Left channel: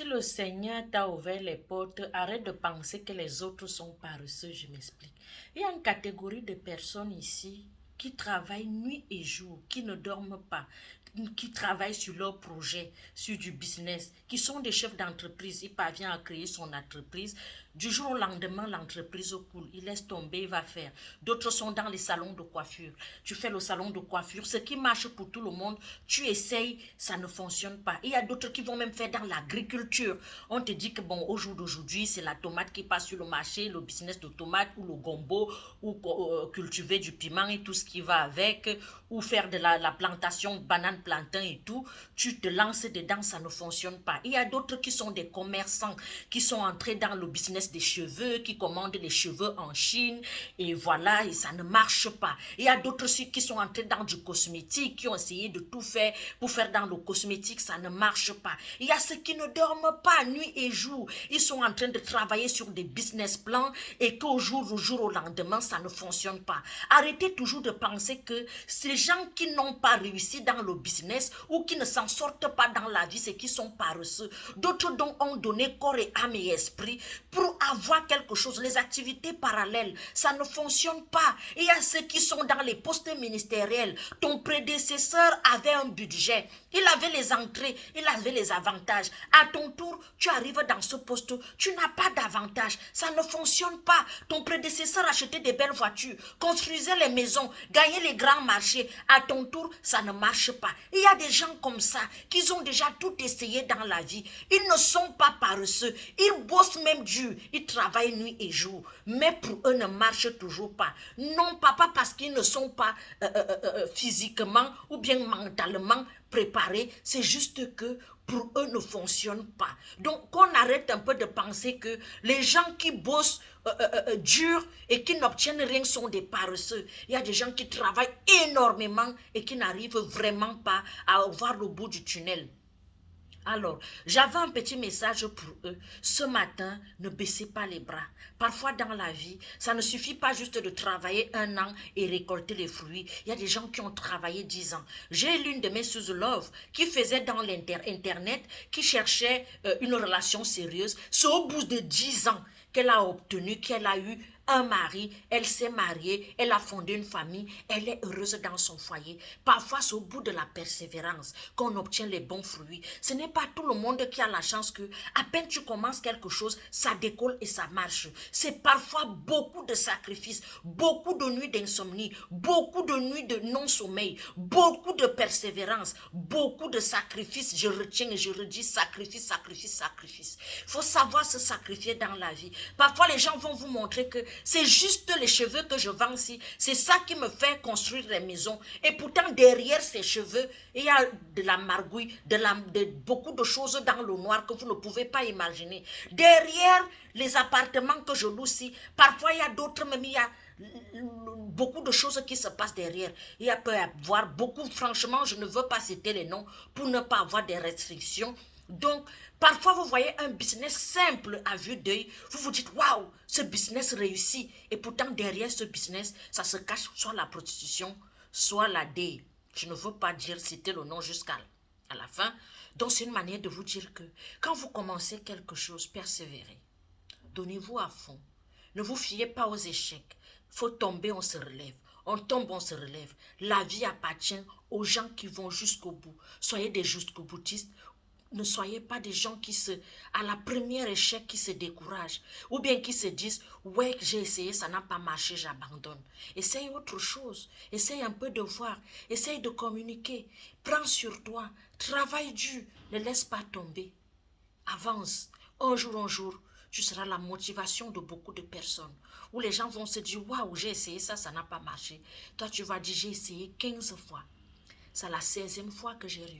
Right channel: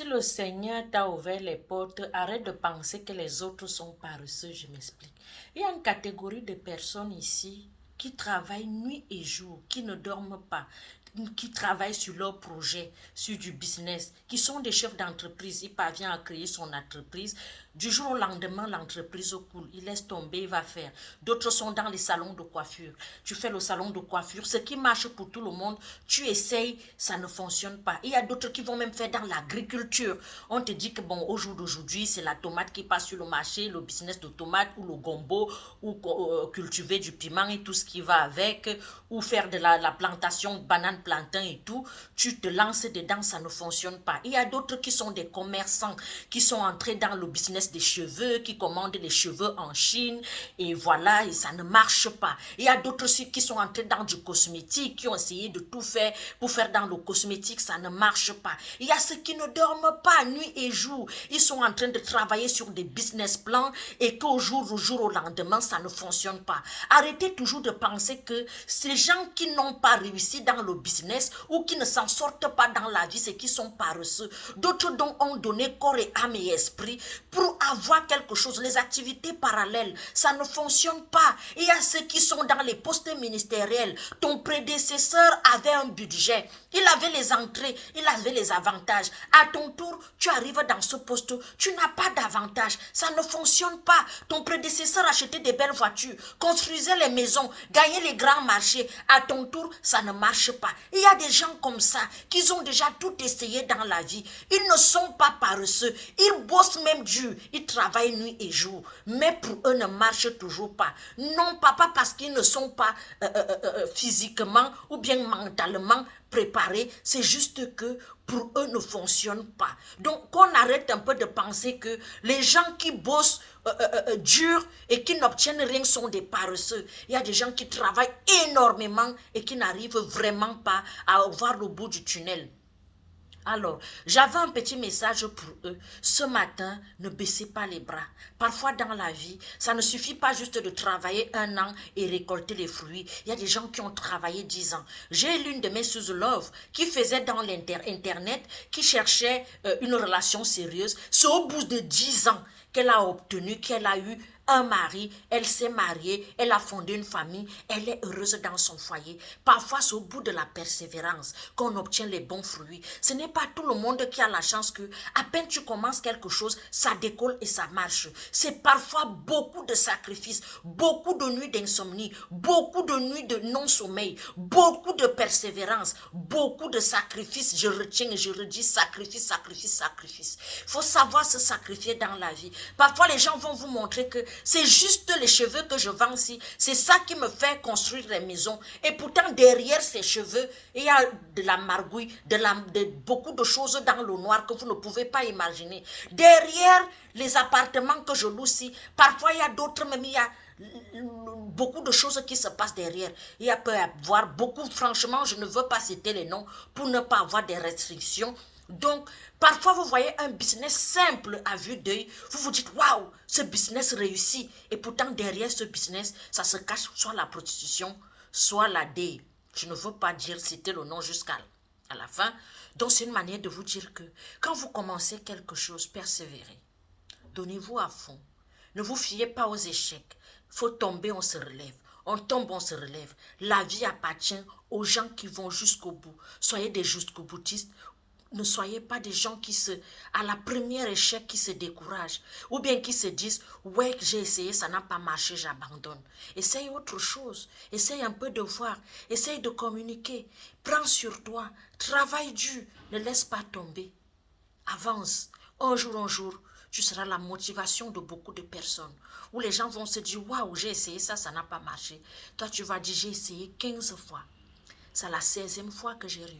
Si le Seigneur t'a ouvert les portes, arrête de penser que les autres sont paresseux, je m'explique. Il y a une catégorie de personnes ici qui travaillent nuit et jour, qui ne dorment pas, qui travaillent sur leur projet, sur du business, qui sont des chefs d'entreprise. Il parvient à créer son entreprise. Du jour au lendemain, l'entreprise coule. Il laisse tomber, il va faire. D'autres sont dans les salons de coiffure. Tu fais le salon de coiffure. Ce qui marche pour tout le monde, tu essayes, ça ne fonctionne pas. Il y a d'autres qui vont même faire dans l'agriculture. On te dit que bon, au jour d'aujourd'hui, c'est la tomate qui passe sur le marché, le business de tomate ou le gombo, ou cultiver du piment et tout ce qui va avec, ou faire de la plantation de bananes, plantain et tout. Tu te lances dedans, ça ne fonctionne pas. Il y a d'autres qui sont des commerçants, qui sont entrés dans le business des cheveux, qui commandent les cheveux en Chine, et voilà, et ça ne marche pas. Il y a d'autres aussi qui sont entrés dans du cosmétique, qui ont essayé de tout faire pour faire dans le cosmétique, ça ne marche pas. Il y a ceux qui ne dorment pas nuit et jour. Ils sont en train de travailler sur des business plans et qu'au jour au lendemain, ça ne fonctionne pas. Arrêtez toujours de penser que ces gens qui n'ont pas réussi dans le business ou qui ne s'en sortent pas dans la vie, c'est qu'ils sont paresseux. D'autres dont ont donné corps et âme et esprit pour avoir quelque chose. Les activités parallèles, ça ne fonctionne pas. Il y a ceux qui sont dans les postes ministériels. Ton prédécesseur avait un budget. Il avait les entrées, il avait les avantages. À ton tour, tu arrives dans ce poste, tu n'as pas d'avantage. Ça ne fonctionne pas. Ton prédécesseur achetait des belles voitures, construisait les maisons, gagnait les grands marchés. À ton tour, ça ne marche pas. Il y a des gens comme ça qui ont déjà tout essayé dans la vie. Ils ne sont pas paresseux. Ils bossent même dur. Ils travaillent nuit et jour. Mais pour eux, ne marche toujours pas. Non, pas parce qu'ils ne sont pas physiquement ou bien mentalement préparés, c'est juste que pour eux ne fonctionne pas. Donc qu'on arrête un peu de penser que les gens qui bossent dur et qui n'obtiennent rien sont des paresseux. Il y a des gens qui travaillent énormément et qui n'arrivent vraiment pas à voir le bout du tunnel. Alors, j'avais un petit message pour eux. Ce matin, ne baissez pas les bras. Parfois dans la vie, ça ne suffit pas juste de travailler 1 an et récolter les fruits. Il y a des gens qui ont travaillé 10 ans. J'ai l'une de mes sous-love qui faisait dans l'internet, qui cherchait une relation sérieuse. C'est au bout de 10 ans qu'elle a obtenu, qu'elle a eu un mari, elle s'est mariée, elle a fondé une famille, elle est heureuse dans son foyer. Parfois, c'est au bout de la persévérance qu'on obtient les bons fruits. Ce n'est pas tout le monde qui a la chance que, à peine tu commences quelque chose, ça décolle et ça marche. C'est parfois beaucoup de sacrifices, beaucoup de nuits d'insomnie, beaucoup de nuits de non-sommeil, beaucoup de persévérance, beaucoup de sacrifices. Je retiens et je redis sacrifice, sacrifice, sacrifice. Il faut savoir se sacrifier dans la vie. Parfois, les gens vont vous montrer que c'est juste les cheveux que je vends ici. C'est ça qui me fait construire les maisons. Et pourtant, derrière ces cheveux, il y a de la margouille, beaucoup de choses dans le noir que vous ne pouvez pas imaginer. Derrière les appartements que je loue ici, parfois il y a d'autres, même il y a beaucoup de choses qui se passent derrière. Il y a peut y avoir beaucoup, franchement, je ne veux pas citer les noms pour ne pas avoir des restrictions. Donc, parfois, vous voyez un business simple à vue d'œil, vous vous dites, waouh, ce business réussit. Et pourtant, derrière ce business, ça se cache soit la prostitution, soit la dé. Je ne veux pas dire citer le nom jusqu'à la fin. Donc, c'est une manière de vous dire que quand vous commencez quelque chose, persévérez. Donnez-vous à fond. Ne vous fiez pas aux échecs. Il faut tomber, on se relève. On tombe, on se relève. La vie appartient aux gens qui vont jusqu'au bout. Soyez des jusqu'au boutistes. Ne soyez pas des gens qui à la première échec, qui se découragent. Ou bien qui se disent, ouais, j'ai essayé, ça n'a pas marché, j'abandonne. Essaye autre chose. Essaye un peu de voir. Essaye de communiquer. Prends sur toi. Travaille dur. Ne laisse pas tomber. Avance. Un jour, tu seras la motivation de beaucoup de personnes. Où les gens vont se dire, waouh, j'ai essayé ça, ça n'a pas marché. Toi, tu vas dire, j'ai essayé 15 fois. C'est la 16e fois que j'ai réussi.